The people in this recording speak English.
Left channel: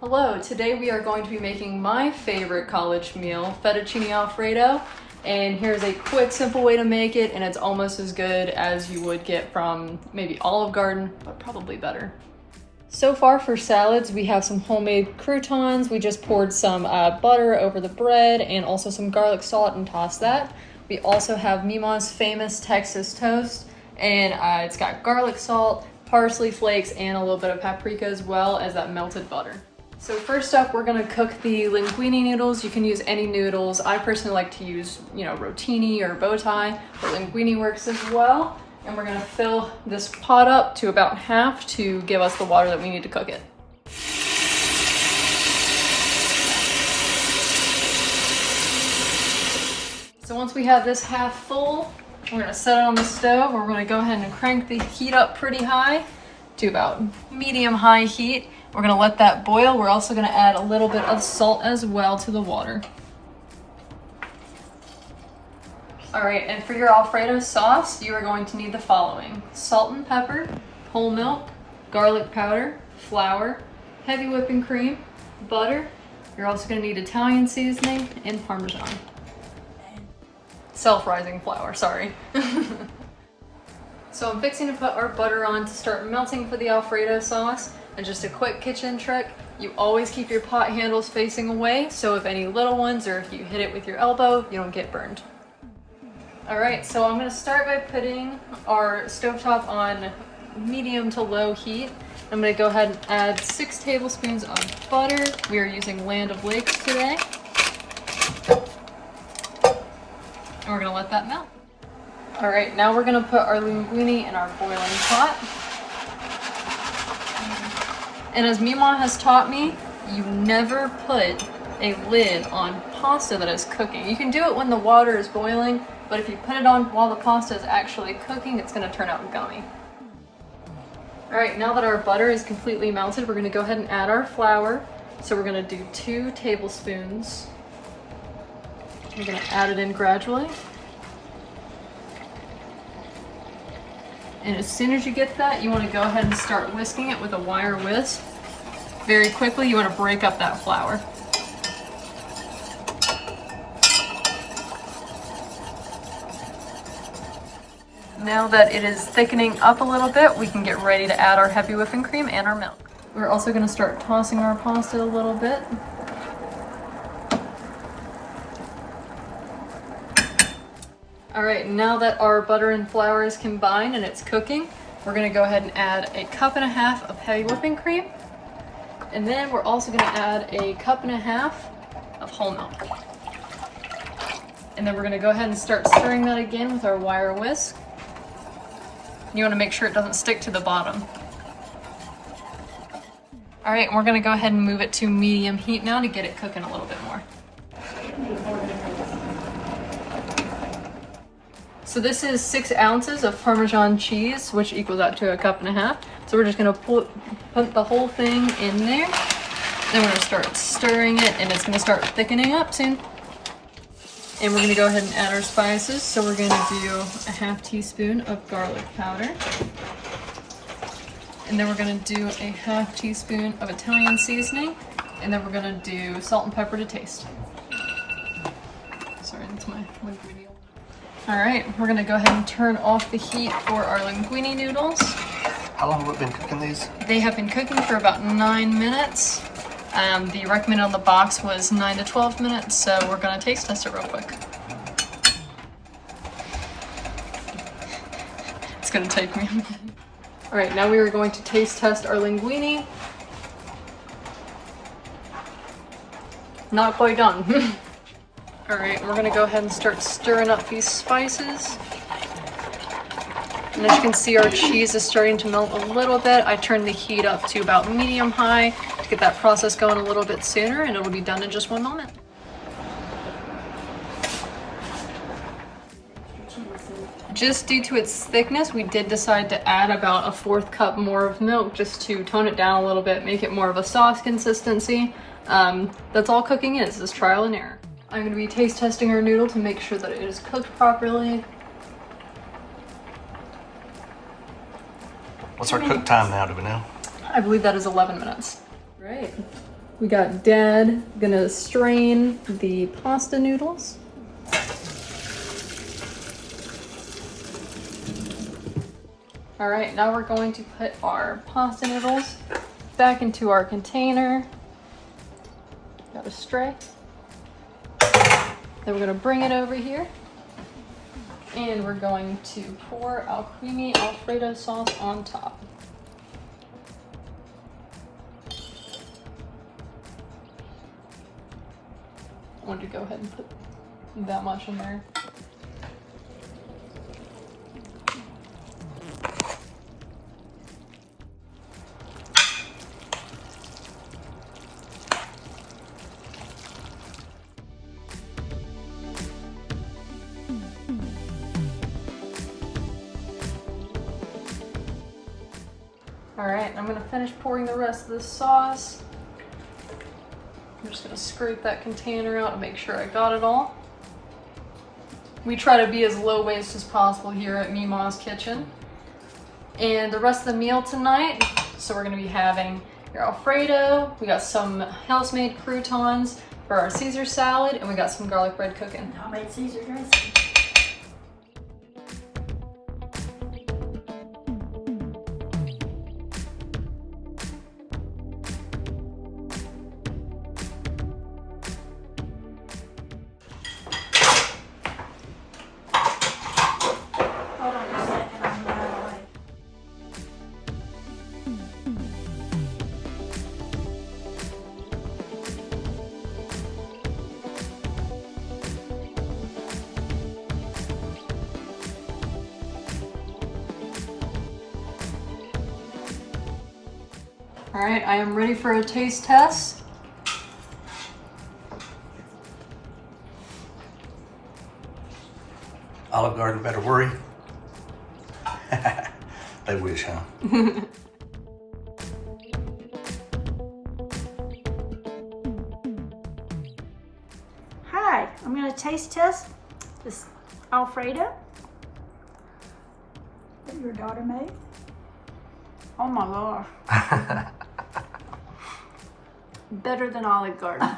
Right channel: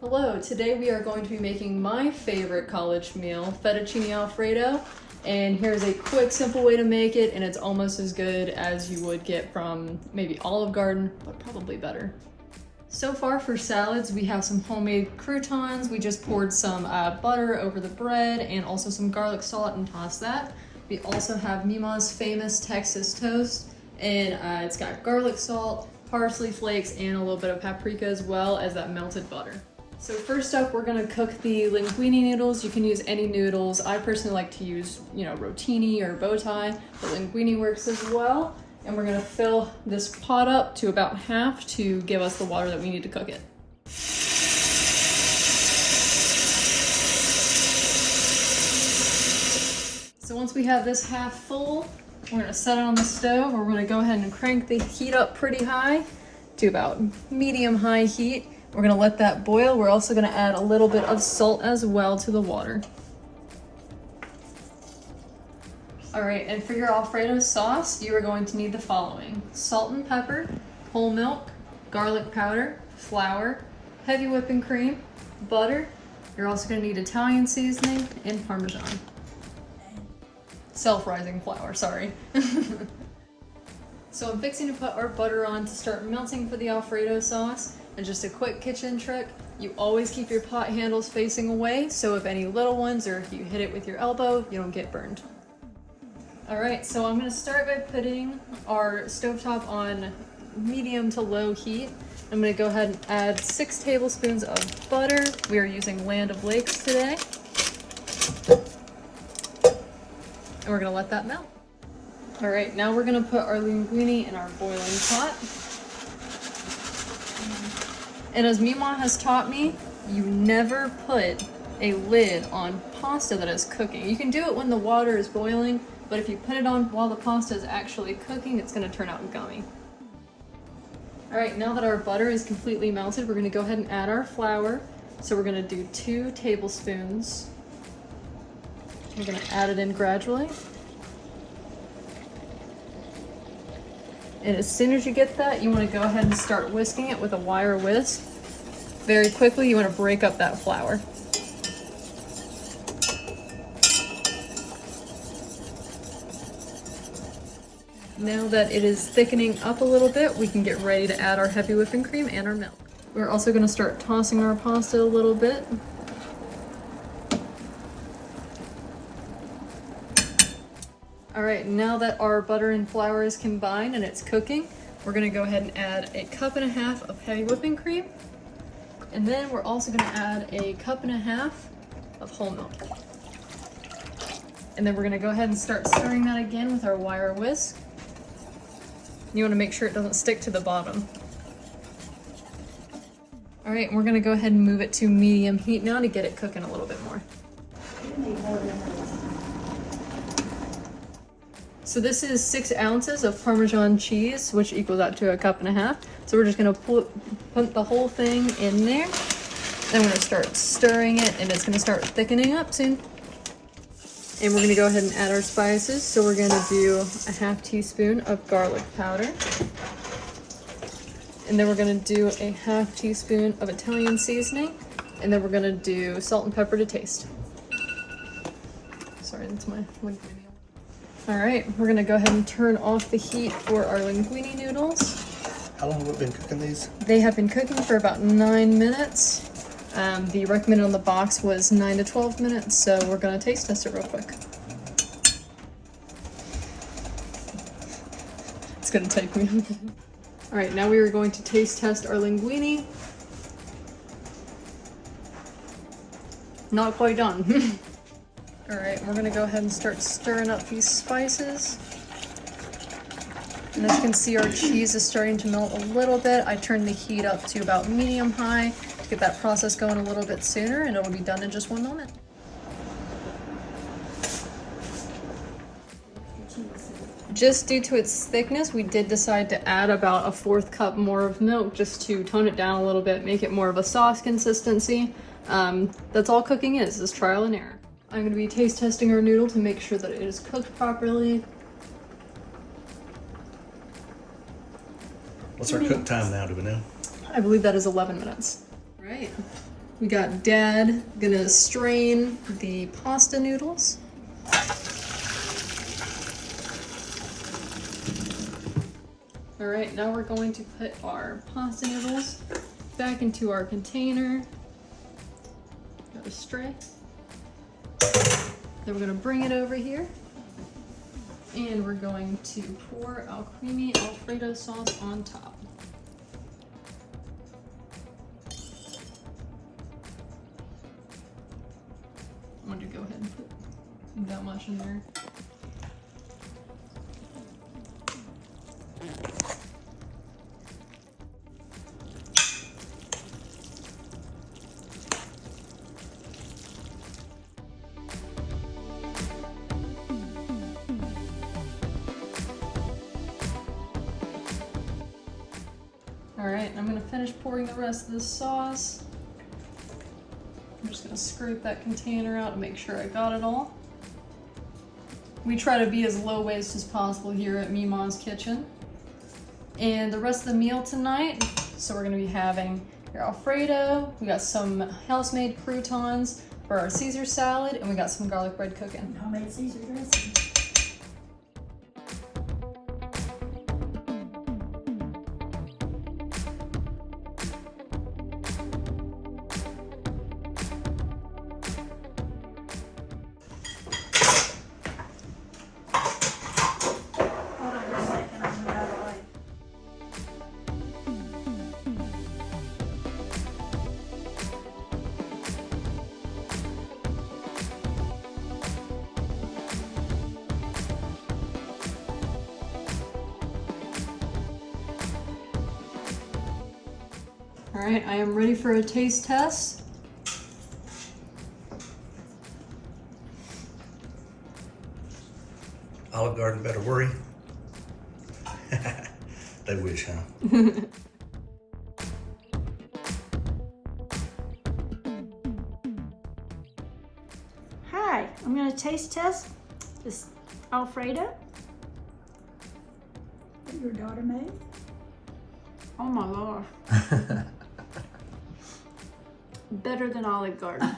Hello, today we are going to be making my favorite college meal, Fettuccine Alfredo, and here's a quick, simple way to make it, and it's almost as good as you would get from maybe Olive Garden, but probably better. So far for salads, we have some homemade croutons. We just poured some butter over the bread and also some garlic salt and tossed that. We also have Mema's famous Texas toast, and it's got garlic salt, parsley flakes, and a little bit of paprika as well as that melted butter. So first up, we're gonna cook the linguine noodles. You can use any noodles. I personally like to use, rotini or bow tie, but linguine works as well. And we're gonna fill this pot up to about half to give us the water that we need to cook it. So once we have this half full, we're gonna set it on the stove. We're gonna go ahead and crank the heat up pretty high to about medium-high heat. We're gonna let that boil. We're also gonna add a little bit of salt as well to the water. All right, and for your Alfredo sauce, you are going to need the following: salt and pepper, whole milk, garlic powder, flour, heavy whipping cream, butter. You're also gonna need Italian seasoning and Parmesan. Self-rising flour, sorry. So I'm fixing to put our butter on to start melting for the Alfredo sauce. And just a quick kitchen trick, you always keep your pot handles facing away, so if any little ones or if you hit it with your elbow, you don't get burned. All right, so I'm gonna start by putting our stovetop on medium to low heat. I'm gonna go ahead and add 6 tablespoons of butter. We are using Land of Lakes today. And we're gonna let that melt. All right, now we're gonna put our linguine in our boiling pot. And as Mema has taught me, you never put a lid on pasta that is cooking. You can do it when the water is boiling, but if you put it on while the pasta is actually cooking, it's gonna turn out gummy. All right, now that our butter is completely melted, we're gonna go ahead and add our flour. So we're gonna do 2 tablespoons. We're gonna add it in gradually. And as soon as you get that, you want to go ahead and start whisking it with a wire whisk. Very quickly, you want to break up that flour. Now that it is thickening up a little bit, we can get ready to add our heavy whipping cream and our milk. We're also going to start tossing our pasta a little bit. All right, now that our butter and flour is combined and it's cooking, we're gonna go ahead and add 1.5 cups of heavy whipping cream. And then we're also gonna add 1.5 cups of whole milk. And then we're gonna go ahead and start stirring that again with our wire whisk. You wanna make sure it doesn't stick to the bottom. All right, and we're gonna go ahead and move it to medium heat now to get it cooking a little bit more. So this is 6 ounces of Parmesan cheese, which equals out to 1.5 cups. So we're just gonna put the whole thing in there. Then we're gonna start stirring it and it's gonna start thickening up soon. And we're gonna go ahead and add our spices. So we're gonna do 1/2 teaspoon of garlic powder. And then we're gonna do 1/2 teaspoon of Italian seasoning. And then we're gonna do salt and pepper to taste. Sorry, that's my video. All right, we're gonna go ahead and turn off the heat for our linguine noodles. How long have we been cooking these? They have been cooking for about 9 minutes. The recommended on the box was 9 to 12 minutes, so we're gonna taste test it real quick. It's gonna take me a minute. All right, now we are going to taste test our linguine. Not quite done. All right, we're gonna go ahead and start stirring up these spices. And as you can see, our cheese is starting to melt a little bit. I turned the heat up to about medium-high to get that process going a little bit sooner, and it'll be done in just 1 moment. Just due to its thickness, we did decide to add about 1/4 cup more of milk just to tone it down a little bit, make it more of a sauce consistency. That's all cooking is trial and error. I'm going to be taste testing our noodle to make sure that it is cooked properly. What's our cook time now, do we know? I believe that is 11 minutes. Right. We got Dad gonna strain the pasta noodles. All right, now we're going to put our pasta noodles back into our container. Got a tray. Then we're gonna bring it over here. And we're going to pour our creamy Alfredo sauce on top. I wanted to go ahead and put that much in there. All right, I'm gonna finish pouring the rest of this sauce. I'm just gonna scrape that container out and make sure I got it all. We try to be as low waste as possible here at Mema's Kitchen. And the rest of the meal tonight, so we're gonna be having your Alfredo, we got some house-made croutons for our Caesar salad, and we got some garlic bread cooking. Homemade Caesar dressing. Hold on a second, I'm gonna go away. All right, I am ready for a taste test. Olive Garden better worry. They wish, huh? Hi, I'm gonna taste test this Alfredo that your daughter made. Oh my Lord. Better than Olive Garden.